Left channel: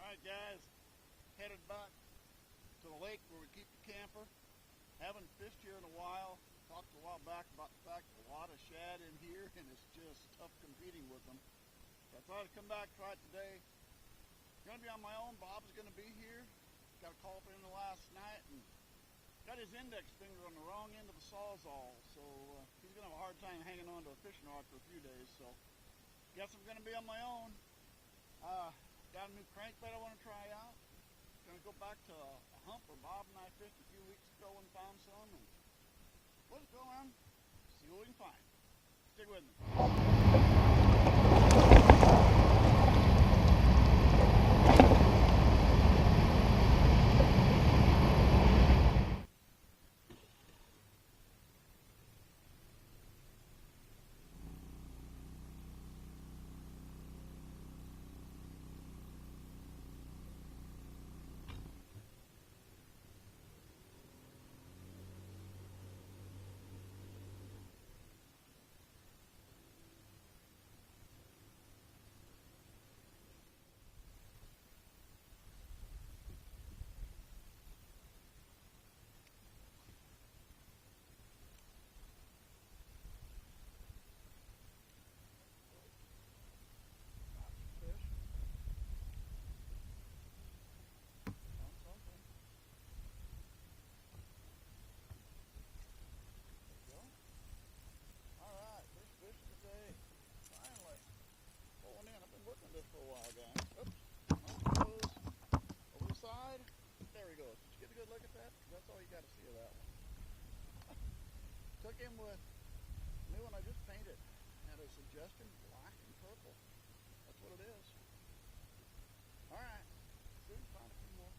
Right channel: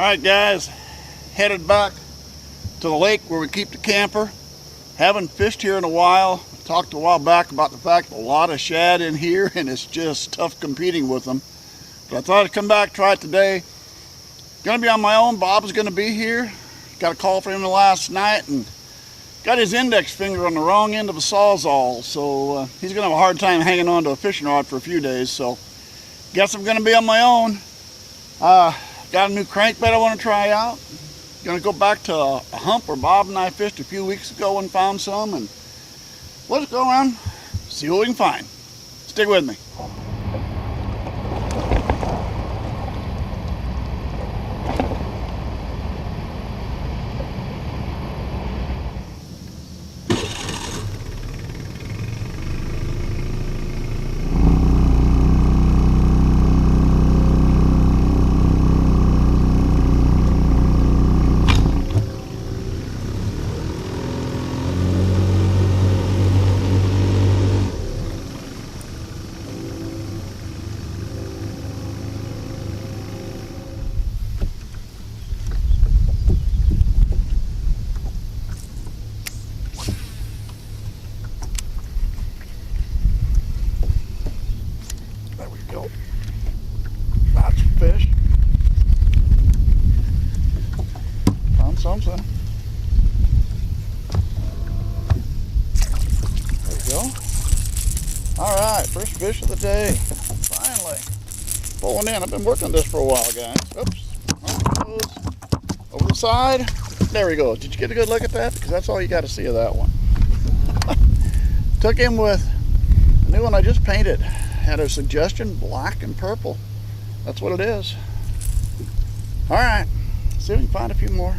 Alright guys, headed back to the lake where we keep the camper. Haven't fished here in a while. Talked a while back about the fact a lot of shad in here and it's just tough competing with them. But I thought I'd come back, try it today. Gonna be on my own. Bob's gonna be here. Got a call from him last night and got his index finger on the wrong end of a sawzall. So he's gonna have a hard time hanging on to a fishing rod for a few days. So guess I'm gonna be on my own. Got a new crankbait I want to try out. Gonna go back to a hump where Bob and I fished a few weeks ago and found some, and let's go around, see what we can find. Stick with me. Lots of fish. Found something. There we go. Alright, first fish of the day. Finally. Pulling in. I've been working this for a while, guys. Oops. There he goes. Over the side. There he goes. Did you get a good look at that? Because that's all you got to see of that one. Took him with a new one I just painted. Had a suggestion, black and purple. That's what it is. All right, see if we can find a few more.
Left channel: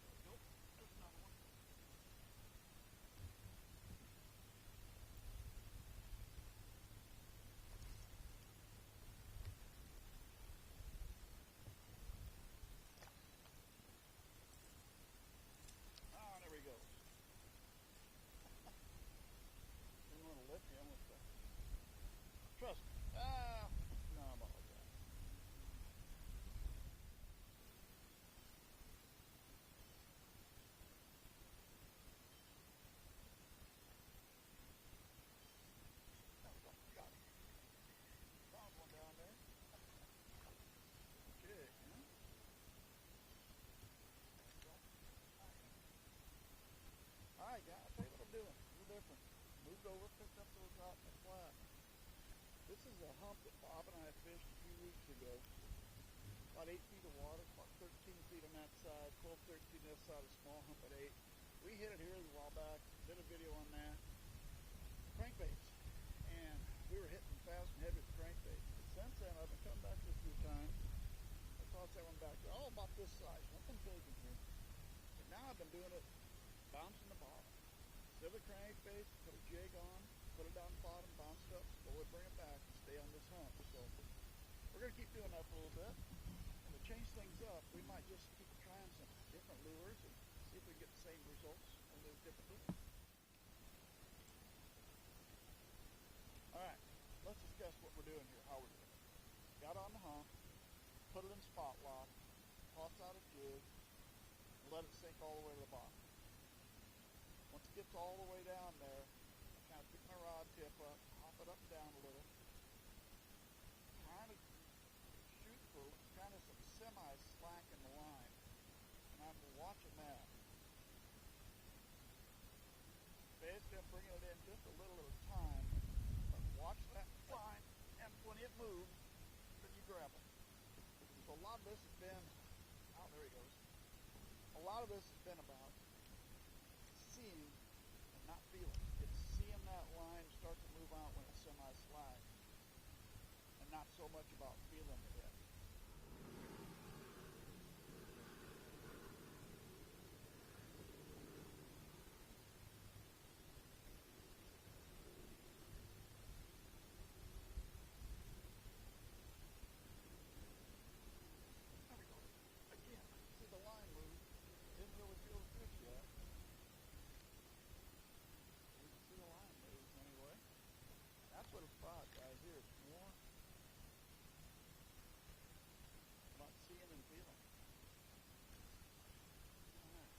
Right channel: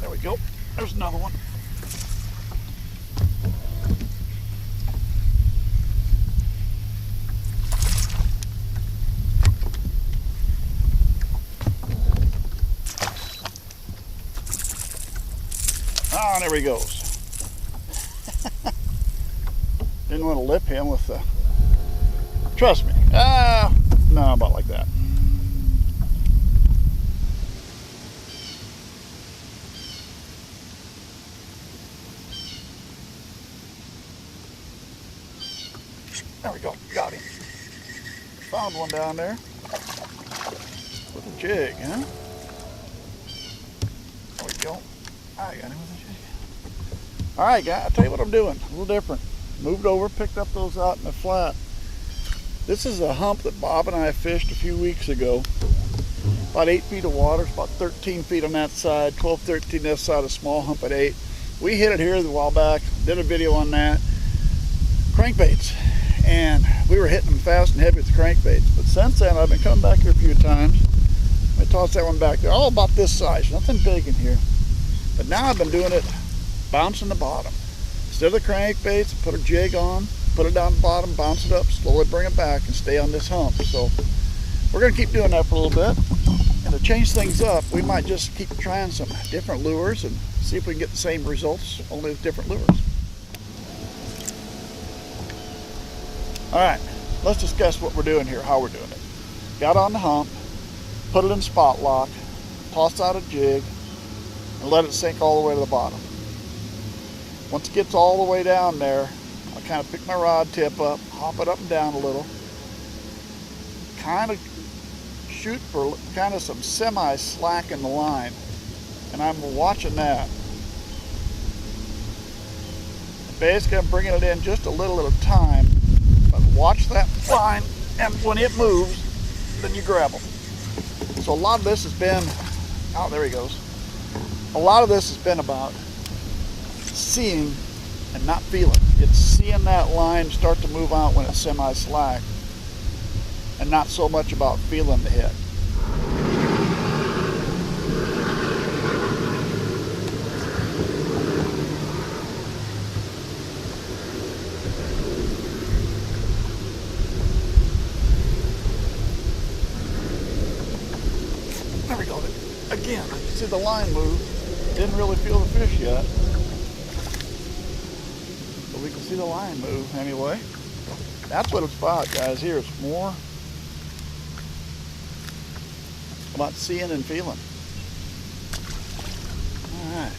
There we go. There's another one. Oh, there he goes. Didn't want to lip him with the... Trust me. No, about like that. There we go. Got him. Found one down there. With a jig, huh? There we go. I got him with a jig. Alright guys, I'll tell you what I'm doing. A little different. Moved over, picked up those out in the flat. This is a hump that Bob and I fished a few weeks ago. About 8 feet of water. It's about 13 feet on that side, 12, 13 this side, a small hump at 8. We hit it here a while back. Did a video on that. Crankbaits. And we were hitting them fast and heavy with the crankbaits. But since then, I've been coming back here a few times. I tossed that one back there. All about this size. Nothing big in here. But now I've been doing it bouncing the bottom. Instead of the crankbaits, put a jig on, put it down the bottom, bounce it up, slowly bring it back and stay on this hump. So we're going to keep doing that for a little bit. And to change things up, we might just keep trying some different lures and see if we can get the same results, only with different lures. Alright, let's discuss what we're doing here, how we're doing it. Got on the hump, put it in spot lock, tossed out a jig, and let it sink all the way to the bottom. Once it gets all the way down there, I kind of pick my rod tip up, hop it up and down a little, kind of shoot for kind of some semi-slack in the line, and I'm watching that. Basically, I'm bringing it in just a little at a time, but watch that line, and when it moves, then you grab them. So a lot of this has been, oh, there he goes. A lot of this has been about seeing and not feeling. It's seeing that line start to move out when it's semi-slack and not so much about feeling the hit. There we go. Again, you see the line move. Didn't really feel the fish yet. we can see the line move anyway. That's what it's about, guys. Here it's more about seeing and feeling. All right.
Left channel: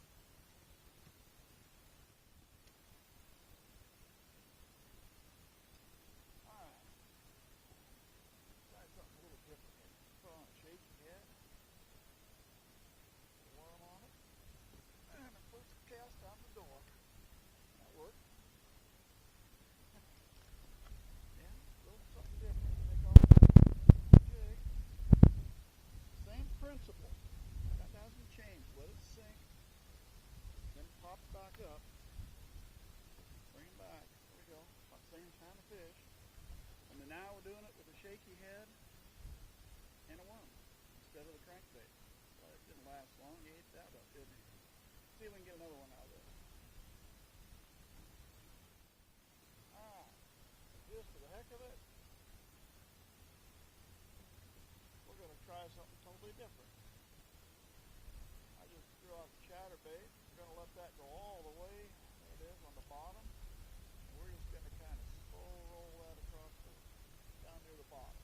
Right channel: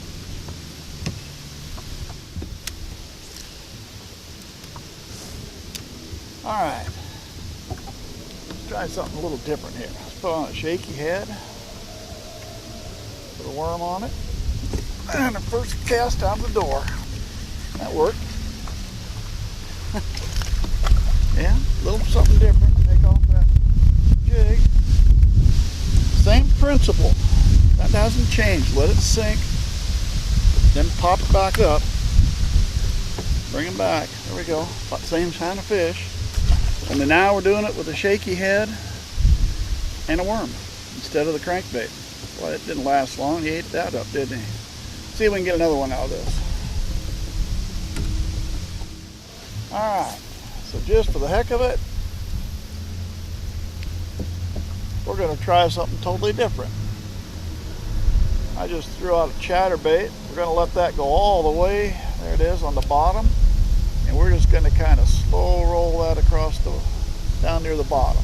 All right. Let's try something a little different here. Let's put on a shaky head. Put a worm on it. And the first cast out the door. That worked. Yeah, a little something different. Take off that jig. Same principle. That hasn't changed. Let it sink. Then pop it back up. Bring it back. There we go. About the same kind of fish. And then now we're doing it with a shaky head and a worm instead of the crankbait. Well, it didn't last long. He ate that up, didn't he? See if we can get another one out of this. All right. So just for the heck of it, we're going to try something totally different. I just threw out a chatterbait. We're going to let that go all the way. There it is on the bottom. And we're just going to kind of slow roll that across down near the bottom.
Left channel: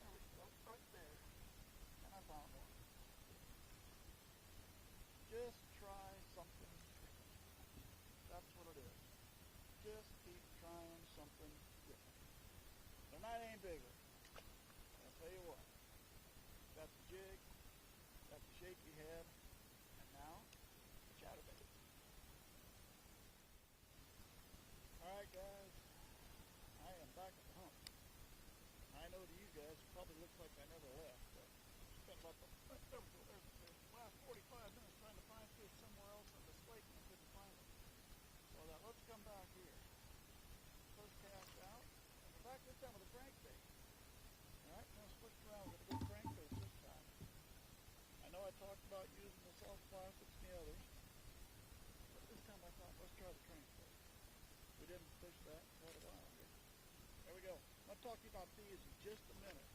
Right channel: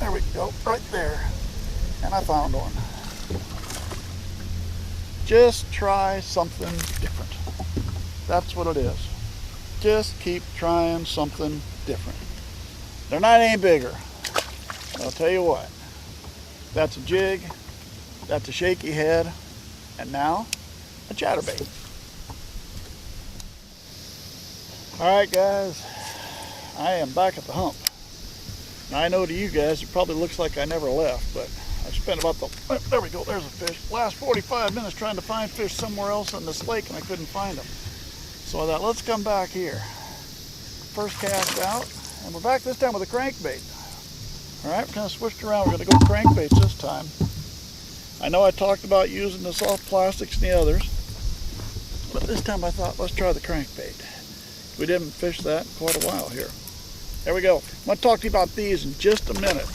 There we go, right there. And I found one. Just try something different. That's what it is. Just keep trying something different. They're not any bigger. I'll tell you what. That's a jig. That's a shaky head. And now, a chatterbait. All right, guys. I am back at the hump. Now, I know to you guys, it probably looks like I never left, but I spent about there we go, there's a fish. Last 45 minutes trying to find fish somewhere else in this lake, and I couldn't find them. So I thought, let's come back here. First cast out, and we're back this time with a crankbait. All right, we're kind of switched around. We're going to go crankbaits this time. I know I talked about using the soft plastics and the others, but this time I thought, let's try the crankbait. We didn't fish that in quite a while here. There we go. I'm going to talk to you about these in just a minute.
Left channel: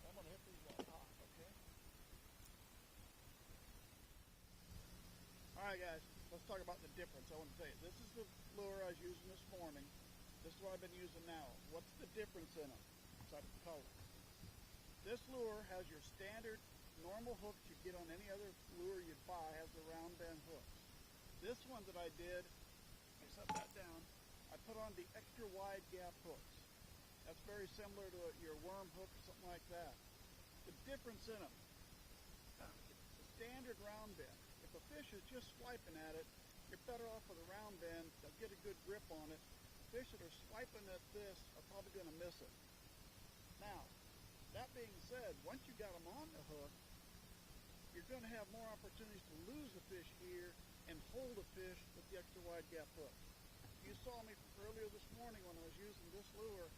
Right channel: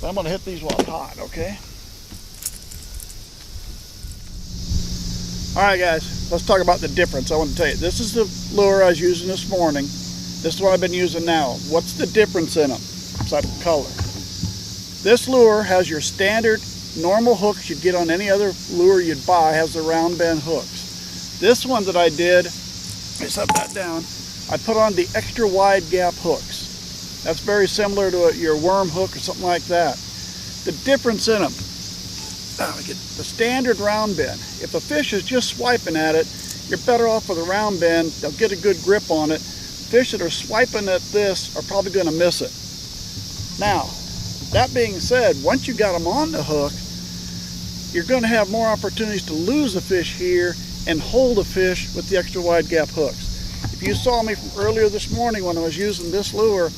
But I'm going to hit these while it's hot, okay? All right, guys, let's talk about the difference. I want to tell you, this is the lure I was using this morning. This is what I've been using now. What's the difference in them? Besides the color. This lure has your standard normal hooks you'd get on any other lure you'd buy, has the round bend hooks. This one that I did, let me set that down, I put on the extra wide gap hooks. That's very similar to your worm hook or something like that. The difference in them, the standard round bend, if a fish is just swiping at it, you're better off with a round bend. They'll get a good grip on it. Fish that are swiping at this are probably going to miss it. Now, that being said, once you got them on the hook, you're going to have more opportunities to lose a fish here and hold a fish with the extra wide gap hooks. If you saw me from earlier this morning when I was using this lure,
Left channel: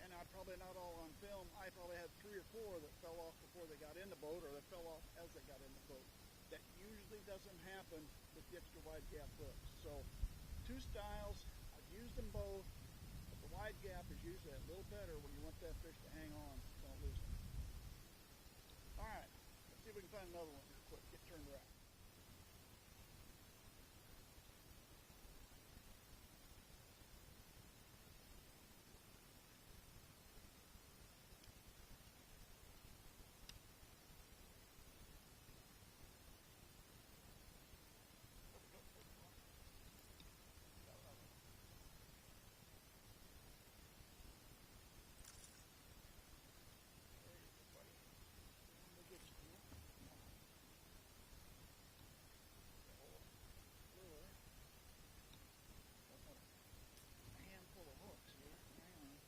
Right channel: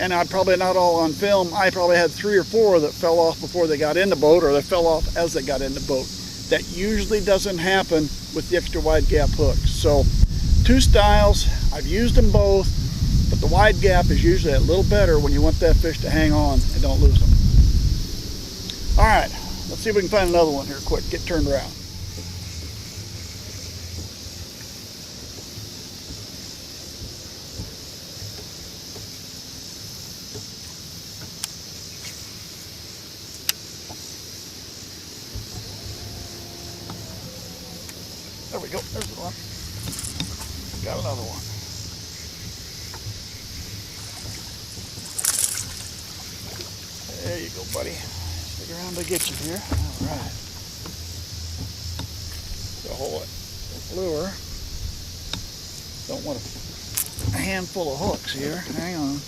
and I'm probably not all on film, I probably had 3 or 4 that fell off before they got in the boat, or they fell off as they got in the boat. That usually doesn't happen with the extra wide gap hooks. So 2 styles, I've used them both, but the wide gap is usually a little better when you want that fish to hang on and don't lose them. All right, let's see if we can find another one here quick. Get turned around. There we go, there's the one. Got another one. There you go, buddy. Stick around to get you here. All right. So hold it. Lure. Don't want a handful of hooks here. Hang on.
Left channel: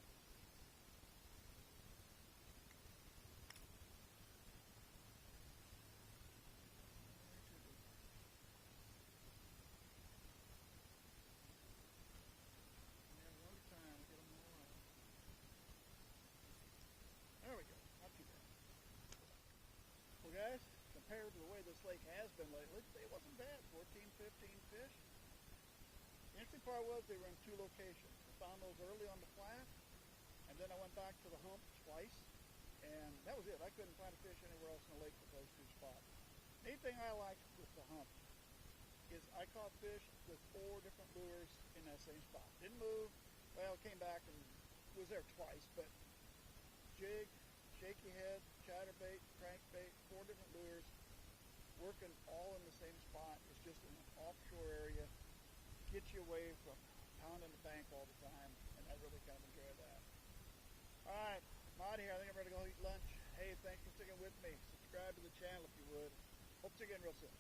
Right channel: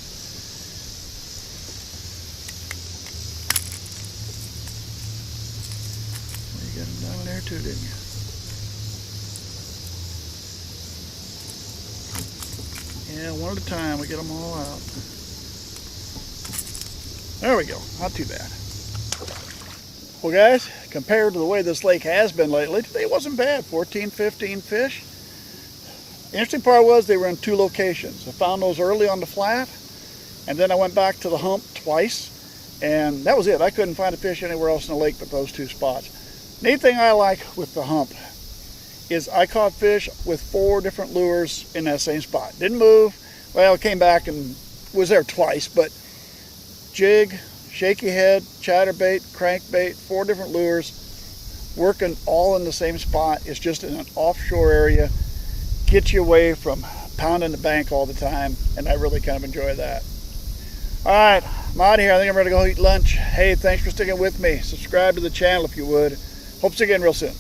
You got them down there too, didn't you? Yeah, one at a time, we get them all out. There we go, not too bad. Well guys, compared to the way this lake has been lately, today wasn't bad, 14, 15 fish. The interesting part was they were in 2 locations. I found those early on the flat, and then I went back to the hump twice, And that was it. I couldn't find a fish anywhere else in the lake but those 2 spots. Neat thing I like with the hump is I caught fish with 4 different lures in that same spot. Didn't move. Well, it came back and was there twice, but jig, shaky head, chatterbait, crankbait, 4 different lures, working all in the same spot. It's just in an offshore area, gets you away from pounding the bank all the time, and I really kind of enjoy that. All right, I'm out of here. I think I'm ready to go eat lunch. Hey, thanks for sticking with me. Subscribe to the channel if you would. Hope to see you again real soon.